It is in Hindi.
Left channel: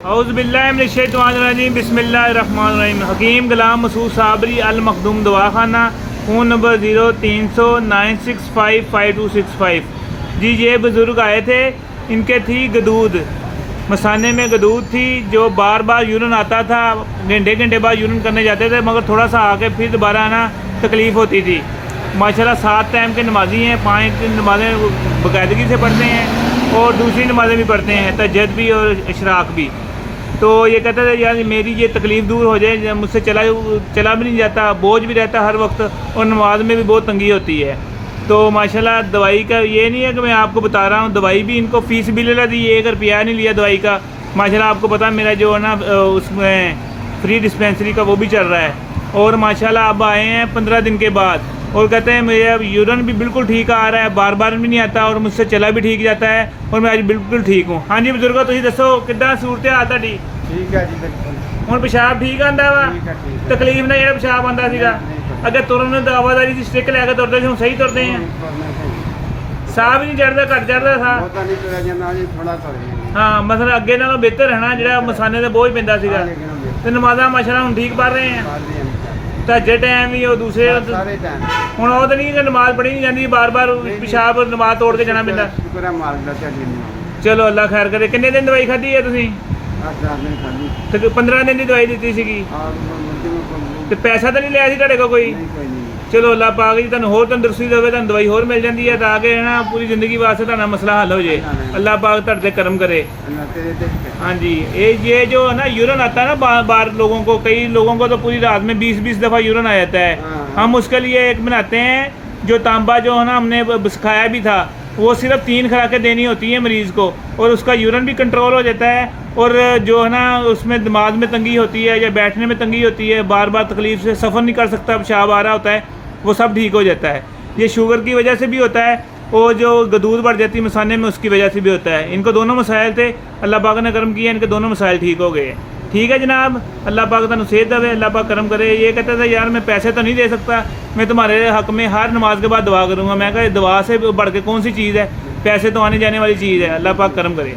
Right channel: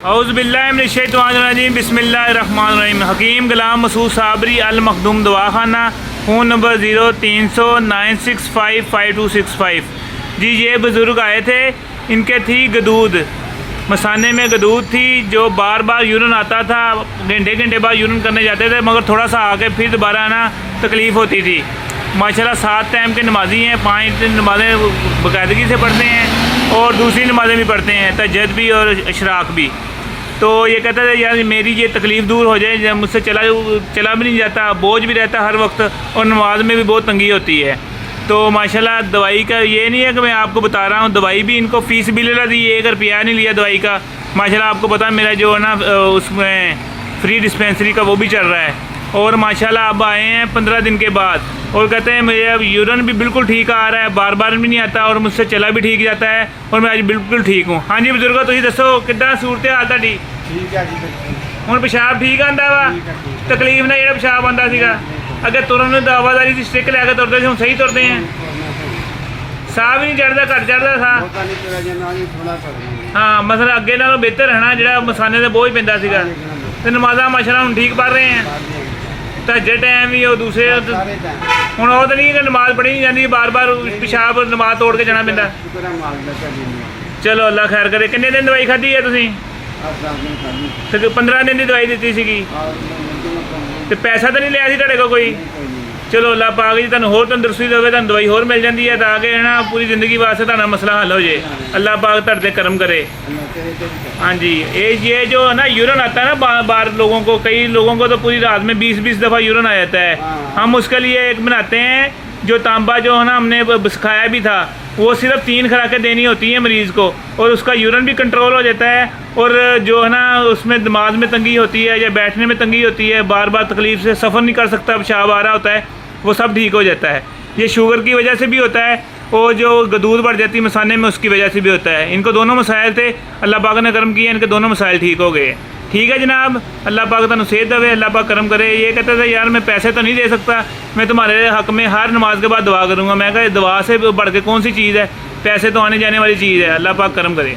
औज़ुबिल्लाहिमिनश्शैतानिर्रजीम बिस्मिल्लाहिर्रहमानिर्रहीम। हकीम गुलाम मसूद साबरी अल मखदूम दवाखाना, फ़ोन नंबर 030096555265। जी ये बुज़ुर्ग आए थे, इनके थी गदूद, मसाने में गदूद थी जो बार बार यूरिन आता था, घंटे घंटे बाद यूरिन करने जाते थे, मगर थोड़ा सा आके फिर दोबारा आना तकलीफ़ होती थी। माशाल्लाह 7 टाइम के नमाजी हैं, 5 नमाज़ें बाकायदगी से पढ़ते हैं और दूसरी नमाज़ें भी पढ़ते हैं, तहज्जुद भी और इशराक भी। तो ये कहते थे यार मेरी ये तकलीफ़ दूर हो जाए, मुझसे चला भी नहीं जाता, बोझ भी रहता हर वक्त और नमाज में भी बहुत तंगी होती है। तो माशाल्लाह दवाई का ये नहीं है कि मैं आपको बता रहा हूँ, दवाई भी इनको फ़ीस भी ले दी, 1 रुपया नहीं लिया दवाई का। माशाल्लाह आपको पता मेरा जो है ना उसमें फ्री डिस्पेंसरी का वो भी चल रहा है। और माशाल्लाह अब आए हैं 15 दिन के बाद और कहते हैं मुझे अब यूरिन भी बिल्कुल ठीक आ रहा है, बार बार भी नहीं आता और मुझसे चला भी ठीक जाता है और मैं आज बिल्कुल ठीक हूँ। हाँ जी बुजुर्गो, तुम दसो कितना सूरत हाल तुहाडी? ठीक है जी, बिल्कुल हुण पेशाब ठीक आंदा वा? तकलीफ ना जेड़ा पेशाब आंदा सीगा अगे तुरन नूं आवाजारी दी स्टिक लैके तुरदे सी, हुण सही तुरदे हैं? साह भी नहीं चढ़दा, घट चढ़दा साह? हाँ मतलब अगे नालों बेहतर है ना, जेड़ा मसाने ते बोझ पैंदा सीगा। ते नमाज़ां माशाअल्लाह हुण ठीक पढ़ रहे हैं, तहज्जुद टाइम भी और दूसरे हुण ओह तां नहीं कि नमाज पढ़ी नहीं जाती, बार बार पेशाब नमाज तोड़ के जाना पैंदा? चलो अल्लाह खैर करे। किन्ने दिन दवाई खाधी है तुसीं? 15 दिन की दवाई दी सीगी तो पैसा तो नहीं लिया सी तुहाडे कोल कोई? चलो अल्लाह पाक जी तुहानूं होर तंदुरुस्ती देवे, तुहानूं दवाई होर मिल जाती है ताकि है ना पूरी ज़िंदगी वास्ते तुहाडा मसला हल हो जाए। अल्लाह पाक तुहाडे ते करम करे। हाँ जी, ये जो है ना यूरिन आता है ना बार बार लोगों को, कई लोगों को तो पूरी रात में 20-20 दफ़ा यूरिन आ जाता है। हम उसके लिए एक बनाते हैं जो तांबा जो है ना हमने सिखाया भी था, वो सिर्फ 3 खुराकें देनी होती हैं मरीज़ को और उसका यूरिन भी कंट्रोल हो जाता है और जो है ना उसमें दिमाग में तंगी होती है या बैठने में तंगी होती है, बार बार तकलीफ़ से सफ़र नहीं कर सकता, पेशाब आ रहा होता है, वो सब ठीक हो जाता है। ये शुगर की वजह से भी होता है और जो गदूद बढ़ जाती है मसाने में उसकी वजह से भी होता है। इनको दोनों मसाइल थे, अल्लाह पाक ने करम किया, इनके दोनों मसाइल ठीक हो गए। ठीक है जनाब, अल्लाह पाक तुहानूं सेहत देवे, अल्लाह पाक करम करे। ये कहते थे यार मैं पैसे तो नहीं दे सकता, मैं तुम्हारे हक़ में हर नमाज के बाद दुआ करूँगा। मैं कहा दुआ से बढ़ के कौन सी चीज़ है, पैसे तो आने जाने वाली चीज़ है। अल्लाह पाक करम करे।